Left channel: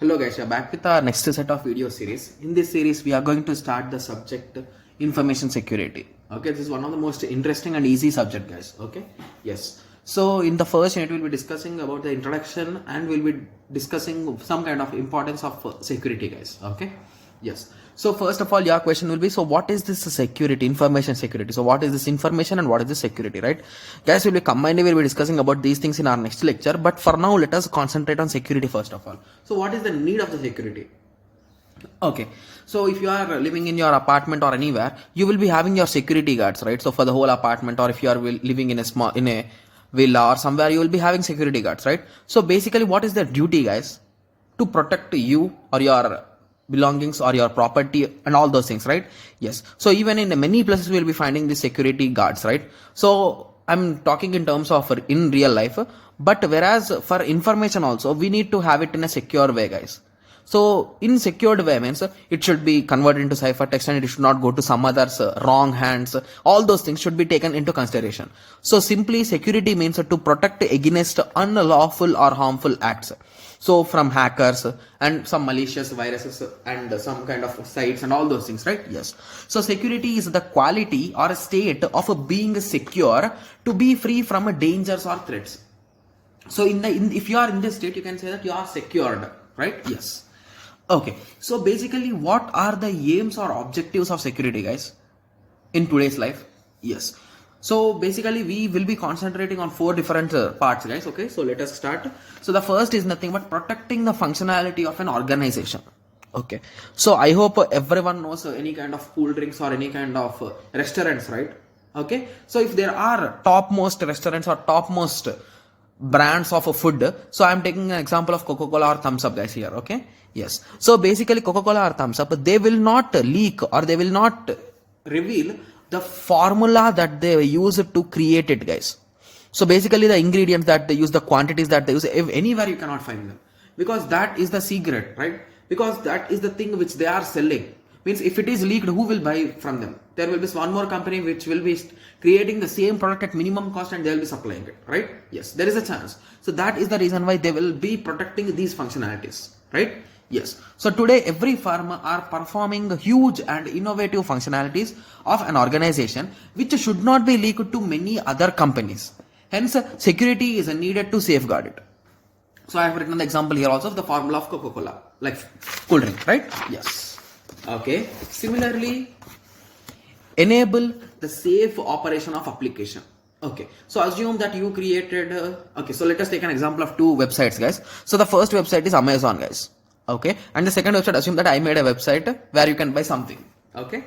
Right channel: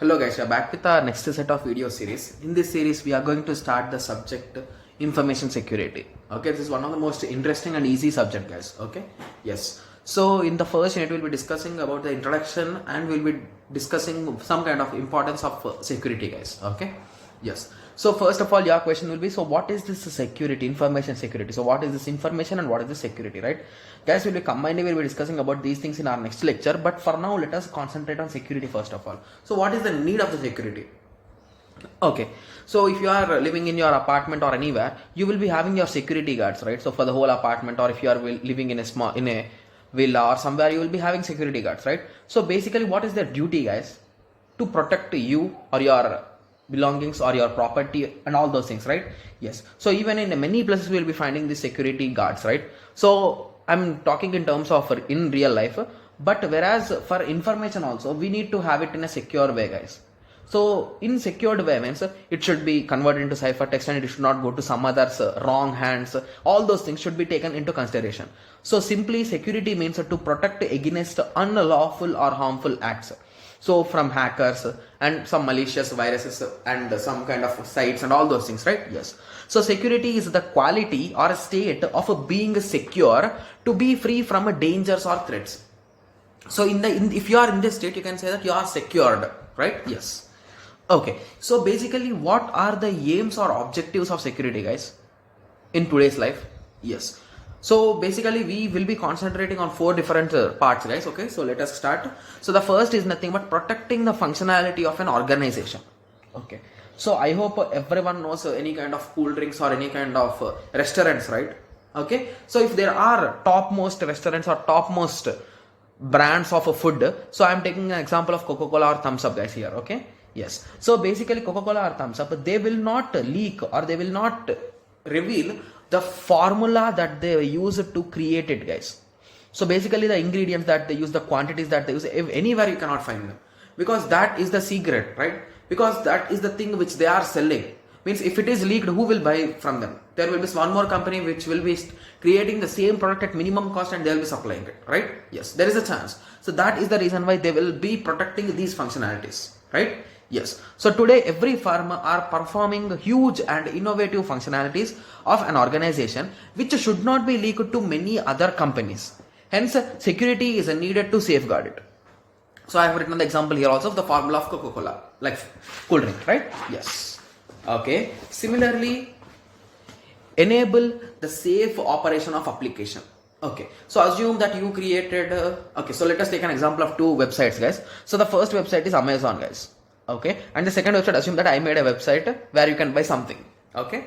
Hello guys, we are back with our next set of video series. In this series, we are going to start the subject information security. Okay, this is one of the most interesting and easy subject, guys. Okay, yes. So in the first unit, we'll be discussing about the introduction and we'll be discussing some kind of importance of security, guys. Okay, yes. So first of all, your question will be, so what is this security, information security? So what is this information and what is this security, right? Guys, we'll be discussing about these things in our next lecture. But for now, let us concentrate on security first of all. So what is the need of the security? Okay, so if you are living in your apartment or anywhere, you will be having your security guards, right? So for the whole apartment, or if you are living in a villa or somewhere, you will be having security guards, right? So basically, what is their duty, guys? To protect you or your belongings or your property and all those things, right? Yes. So even in many places we will be finding the security guards, right? So I'm talking in terms of in real life, but whereas for information also we need to have it in a secure way, guys. So in secured way means it should be converted into ciphertext and it should not go to some other's wrong hands. All those things should be taken into consideration. So simply security means to protect against unlawful or harmful acts. So from hackers and some malicious viruses and some kind of sites and all those things, right? Yes. So security is the quality or a state of being secure to be free from dangers or threats. So if you are in this state, you can say that you are secured, right? Yes. Okay. So basically, what are the aims or objectives of security, guys, in today's life? Yes. So basically we will be concentrating on 4 different parts, guys. Okay, so let us start. So the first is nothing but protecting the functionality of an organization. Okay, so I hope everyone knows any kind of cool drinks or any kind of restaurants, right? Okay, so if there are topmost restaurants or topmost brands of food, so I am taking an example of Coca-Cola or Thumbs Up, guys, here. Okay, yes. So basically Coca-Cola or Thumbs Up, they will not leak or they will not reveal the formula that they use to create it, guys. So basically the ingredients that they use, the quantities that they use, if anywhere you cannot find them, because that is the secret, right? Because that is the thing which they are selling. Means if it is leaked, who will buy from them? There will be one more company which will be creating the same product at minimum cost and they will be supplying it, right? Yes, there is a chance. So that is the reason why they will be protecting these functionalities, right? Yes. So today every firm are performing huge and innovative functionalities of an organization which should not be leaked to many other companies. Hence, security is needed to safeguard it. So I have written the example here also of the formula of Coca-Cola, like cool drink, right? Yes. Okay. Similarly, enable the safe operation of application. Okay, so assume that you created okay, so let us take an example of 2 websites, guys. So the first website is Amazon, guys. Okay, and the second website, assume that I made a website where you can buy something. Okay,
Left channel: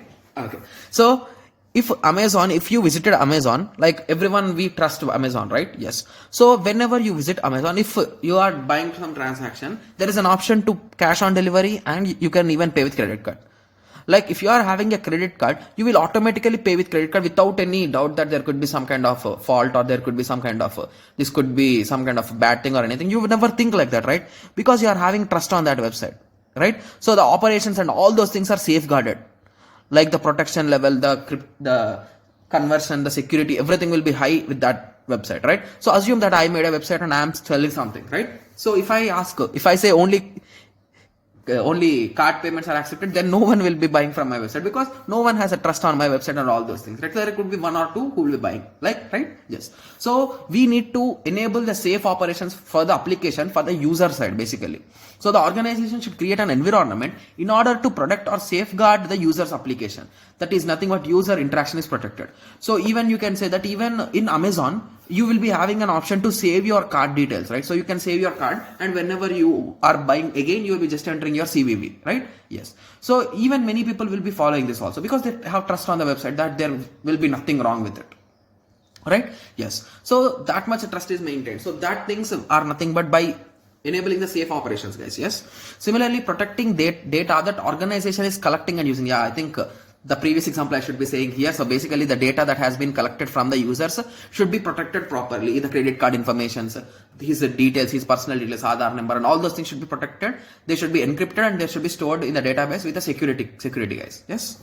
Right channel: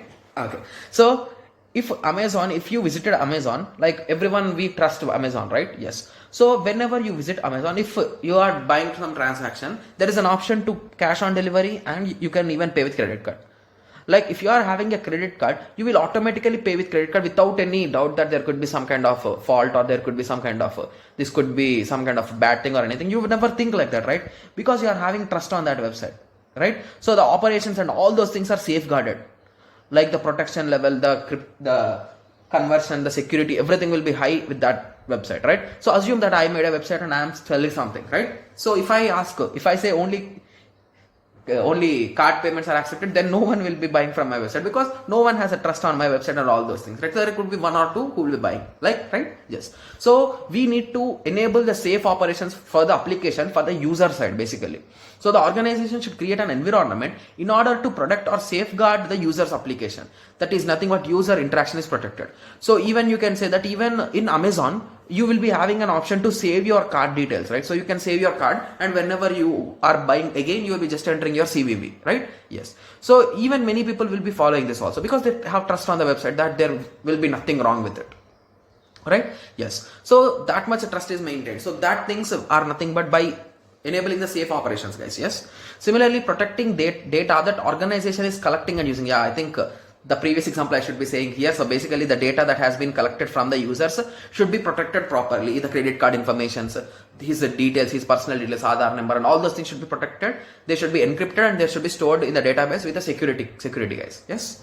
so if you visited Amazon, like everyone, we trust Amazon, right? Yes. So whenever you visit Amazon, if you are buying some transaction, there is an option to cash on delivery and you can even pay with credit card. Like if you are having a credit card, you will automatically pay with credit card without any doubt that there could be some kind of fault or there could be some kind of this could be some kind of bad thing or anything. You would never think like that, right? Because you are having trust on that website, right? So the operations and all those things are safeguarded, like the protection level, the conversion, the security, everything will be high with that website, right? So assume that I made a website and I am selling something, right? So if I say only card payments are accepted, then no one will be buying from my website because no one has a trust on my website and all those things, right? So there could be 1 or 2 who will be buying, like, right? Yes. So we need to enable the safe operations for the application for the user side, basically. So the organization should create an environment in order to protect or safeguard the user's application. That is nothing but user interaction is protected. So even you can say that even in Amazon, you will be having an option to save your card details, right? So you can save your card and whenever you are buying again, you will be just entering your CVV, right? Yes. So even many people will be following this also because they have trust on the website that there will be nothing wrong with it, right? Yes. So that much trust is maintained. So that things are nothing but by enabling the safe operations, guys. Yes. Similarly, protecting data that organization is collecting and using. Yeah, I think the previous example I should be saying here. So basically the data that has been collected from the users should be protected properly. The credit card information, his details, his personal details, Aadhaar number and all those things should be protected. They should be encrypted and they should be stored in the database with the security guys. Yes.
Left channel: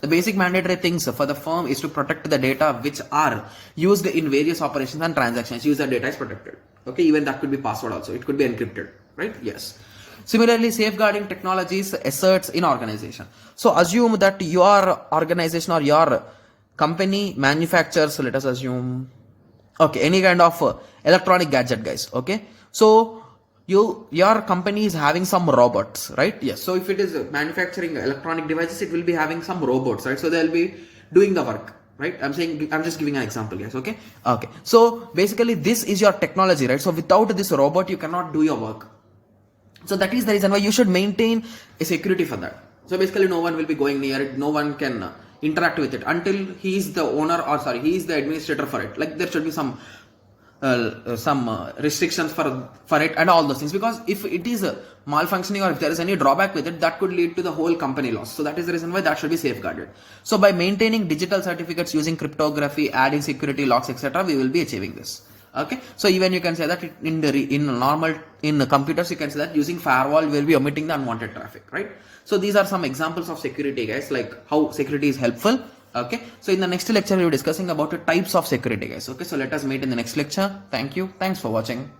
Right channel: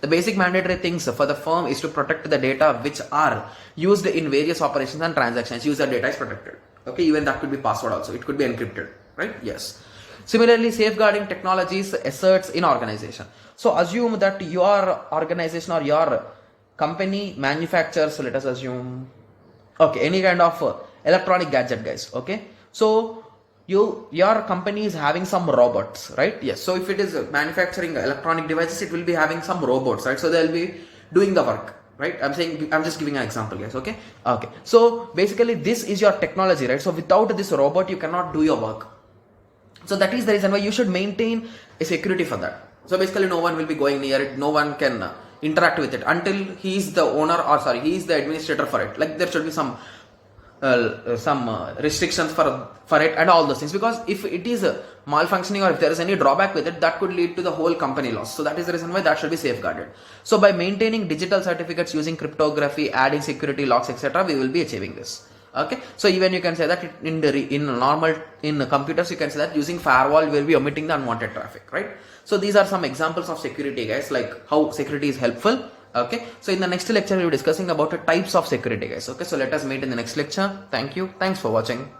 The basic mandatory things for the firm is to protect the data which are used in various operations and transactions. User data is protected. Okay, even that could be password also. It could be encrypted, right? Yes. Similarly, safeguarding technologies asserts in organization. So assume that your organization or your company manufactures, let us assume, okay, any kind of electronic gadget, guys. Okay, so your company is having some robots, right? Yes. So if it is manufacturing electronic devices, it will be having some robots, right? So they'll be doing the work, right? I'm just giving an example, guys. Okay. So basically, this is your technology, right? So without this robot, you cannot do your work. So that is the reason why you should maintain a security for that. So basically, no one will be going near it. No one can interact with it until he is the owner, or sorry, he is the administrator for it. Like there should be some restrictions for it and all those things, because if it is malfunctioning or if there is any drawback with it, that could lead to the whole company loss. So that is the reason why that should be safeguarded. So by maintaining digital certificates using cryptography, adding security locks, etc., we will be achieving this. Okay, so even you can say that in computers you can say that using firewall will be omitting the unwanted traffic, right? So these are some examples of security, guys, like how security is helpful. Okay, so in the next lecture we will be discussing about the types of security, guys. Okay, so let us meet in the next lecture. Thank you. Thanks for watching.